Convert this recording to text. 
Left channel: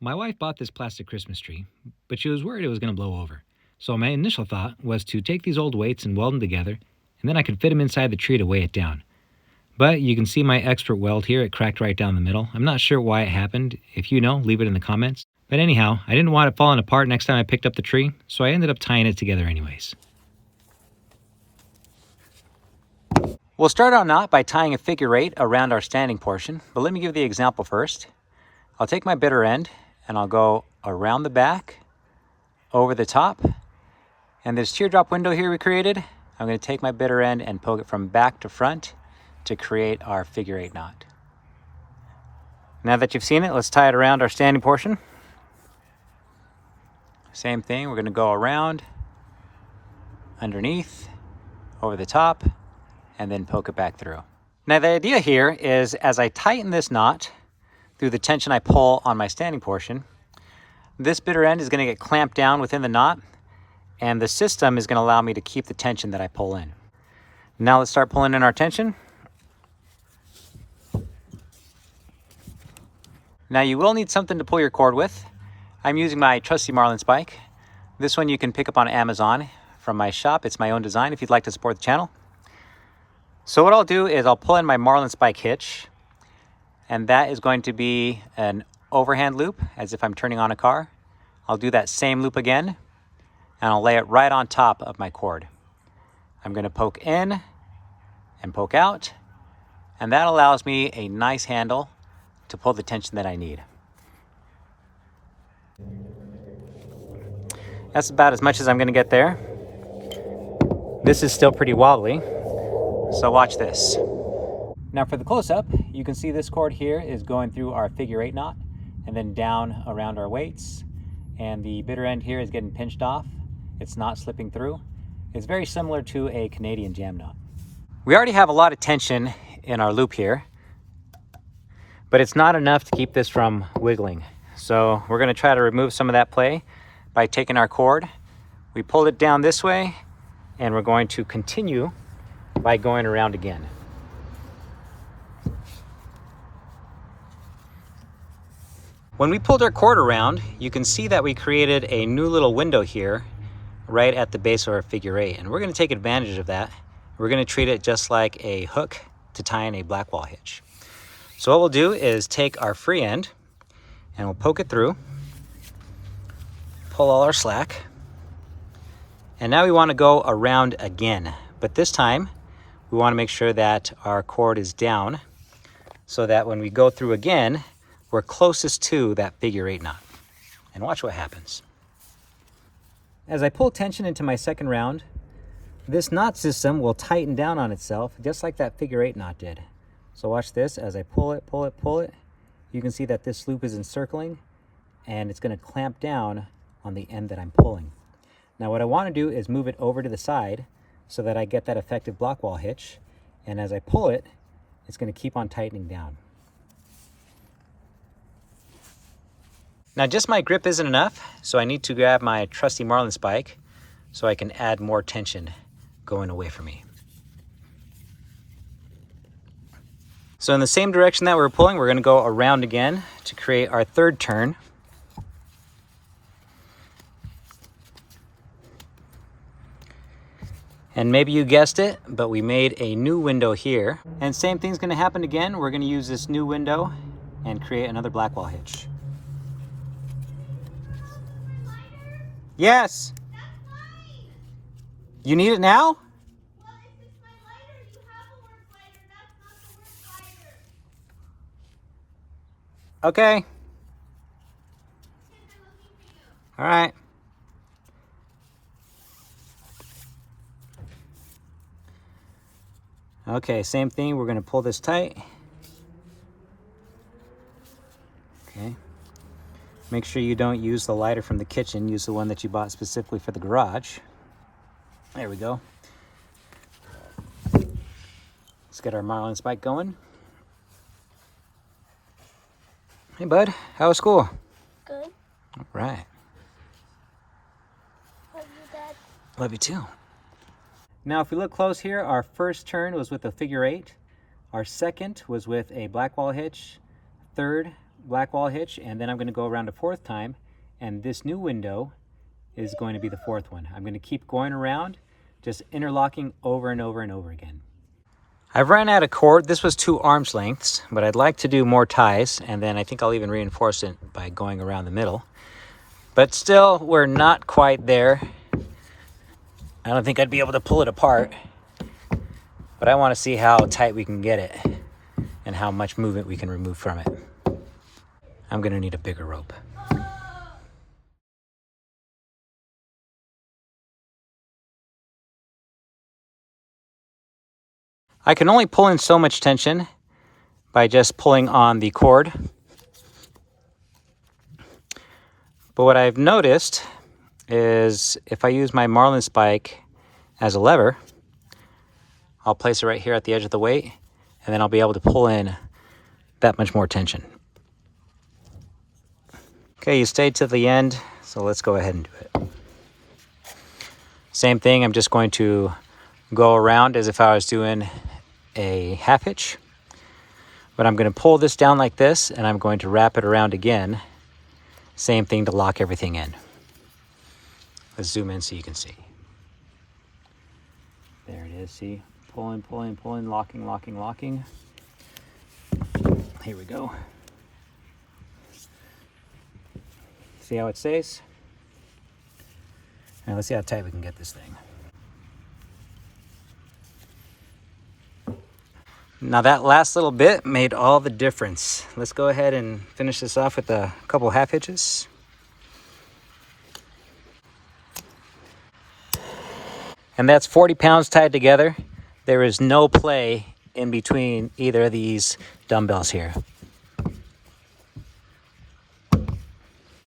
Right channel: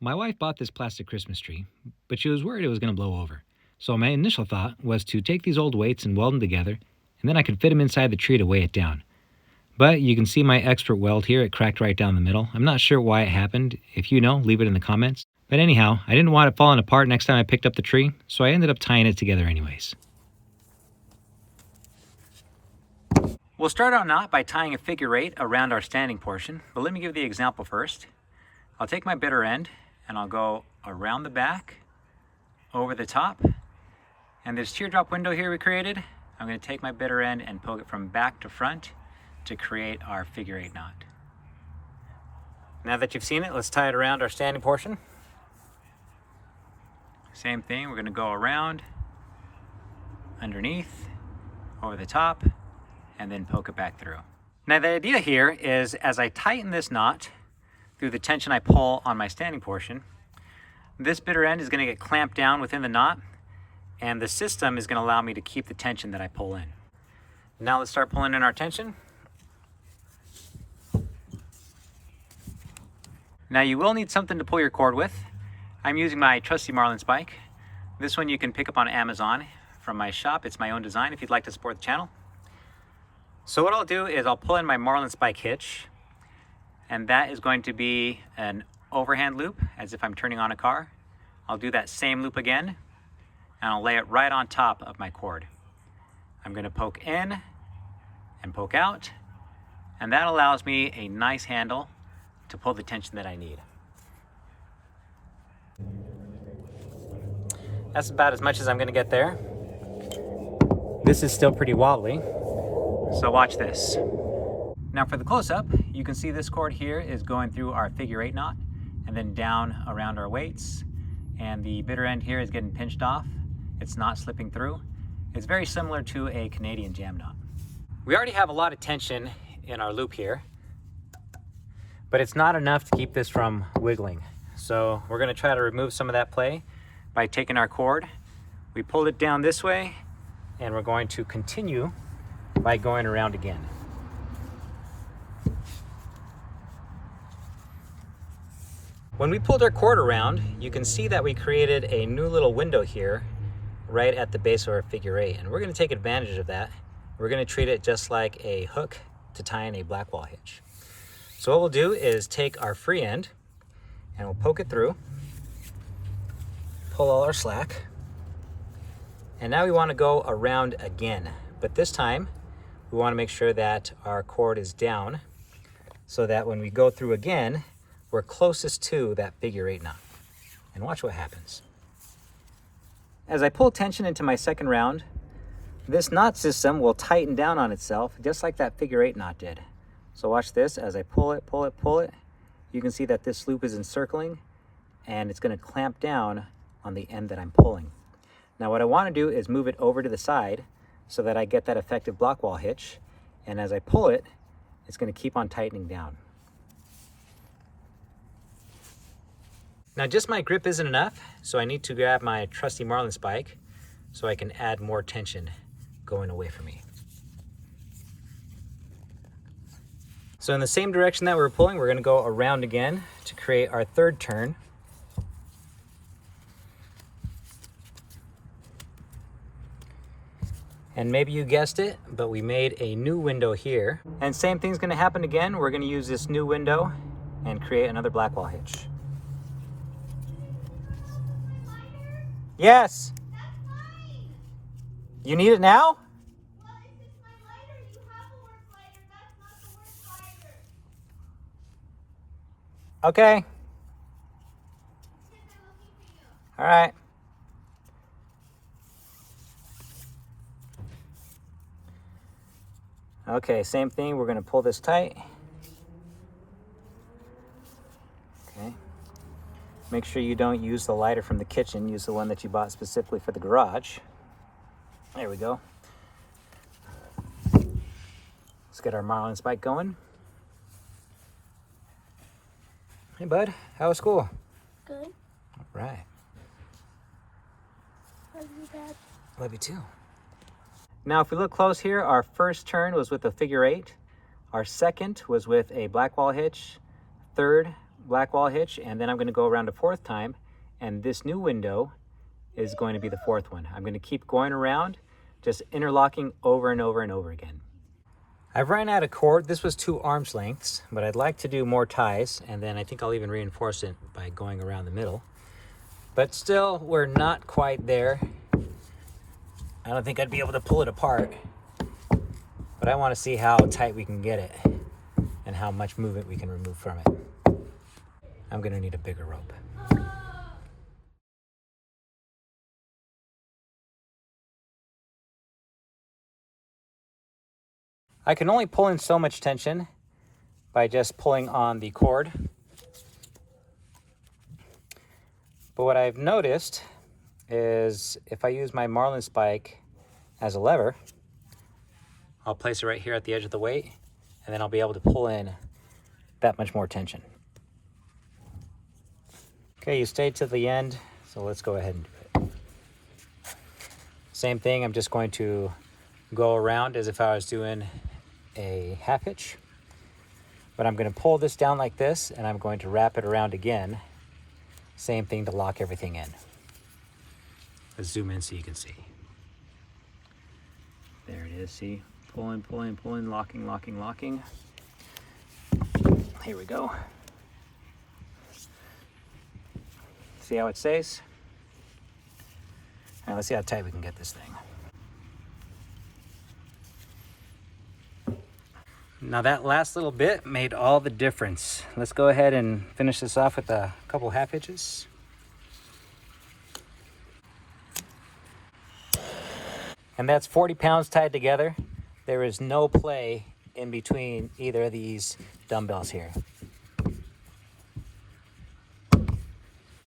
My wife bought this plastic Christmas tree, but she was worried it was going to blow over. So my initial thought was to take these old weights and weld them together, and then I could fit them inside the tree to weigh it down. But you can see my expert weld here, it cracked right down the middle. I'm not sure why it happened. If you know, leave it in the comments. But anyhow, I didn't want it falling apart next time I picked up the tree, so I ended up tying it together anyways. We'll start our knot by tying a figure eight around our standing portion, but let me give the example first. I'll take my bitter end and I'll go around the back, over the top, and this teardrop window here we created, I'm going to take my bitter end and poke it from back to front to create our figure eight knot. Now that you've seen it, let's tie it around our standing portion. Same thing, we're going to go around, underneath, over the top, and then poke it back through. Now the idea here is as I tighten this knot through the tension I pull on my standing portion, this bitter end is going to get clamped down within the knot, and the system is going to allow me to keep the tension that I pull in. Now let's start pulling in our tension. Now you will need something to pull your cord with. I'm using my trusty marlin spike. This one you can pick up on Amazon from my shop. It's my own design if you'd like to support the channel. So what I'll do is I'll pull in my marlin spike hitch, and that is going to be an overhand loop as if I'm turning on a car. I'll do that same loop again, and I'll lay it right on top of my cord. I'm going to poke in and poke out, and that allows me a nice handle to pull the tension that I need. That's about as much as I'm going to get there. This is still pretty wobbly, so watch this. Now for the close-up, you can see this cord here is going through our figure eight knot and then down around our weights, and the bitter end here is getting pinched off. It's not slipping through. It's very similar to a Canadian jam knot. We already have a lot of tension in our loop here, but it's not enough to keep this from wiggling. So we're going to try to remove some of that play by taking our cord. We pull it down this way, and we're going to continue by going around again. When we pulled our cord around, you can see that we created a new little window here right at the base of our figure eight, and we're going to take advantage of that. We're going to treat it just like a hook to tie in a blackwall hitch. So what we'll do is take our free end and we'll poke it through, pull all our slack, and now we want to go around again, but this time we want to make sure that our cord is down so that when we go through again, we're closest to that figure eight knot. And watch what happens. As I pull tension into my second round, this knot system will tighten down on itself just like that figure eight knot did. So watch this, as I pull it, pull it, pull it, you can see that this loop is encircling and it's going to clamp down on the end that I'm pulling. Now what I want to do is move it over to the side so that I get that effective blackwall hitch, and as I pull it, it's going to keep on tightening down. Now just my grip isn't enough, so I need to grab my trusty marlin spike so I can add more tension going away from me. So in the same direction that we're pulling, we're going to go around again to create our third turn. And maybe you guessed it, but we made a new window here. And same thing's going to happen again. We're going to use this new window and create another blackwall hitch. Yes. You need it now? Okay. All right. Okay, same thing. We're going to pull this tight. Okay. Make sure you don't use the lighter from the kitchen. Use the one that you bought specifically for the garage. There we go. Let's get our marlin spike going. Hey bud, how was school? Good. All right. Love you, Dad. Love you too. Now if we look close here, our first turn was with a figure eight. Our second was with a blackwall hitch. Third blackwall hitch, and then I'm going to go around a fourth time, and this new window is going to be the fourth one. I'm going to keep going around, just interlocking over and over and over again. I've run out of cord. This was 2 arms lengths, but I'd like to do more ties, and then I think I'll even reinforce it by going around the middle. But still, we're not quite there. I don't think I'd be able to pull it apart, but I want to see how tight we can get it and how much movement we can remove from it. I'm going to need a bigger rope. I can only pull in so much tension by just pulling on the cord. But what I've noticed is if I use my marlin spike as a lever, I'll place it right here at the edge of the weight, and then I'll be able to pull in that much more tension. Okay, you stayed to the end, so let's go ahead and do it. Same thing, I'm just going to go around as if I was doing a half hitch, but I'm going to pull this down like this, and I'm going to wrap it around again. Same thing to lock everything in. Let's zoom in so you can see. There it is, see? Pulling, pulling, pulling, locking, locking, locking. Here we go. See how it stays? Now let's see how tight we can get this thing. Now that last little bit made all the difference. Let's go ahead and finish this off with a couple half hitches. And that's 40 pounds tied together. There is no play in between either of these dumbbells here.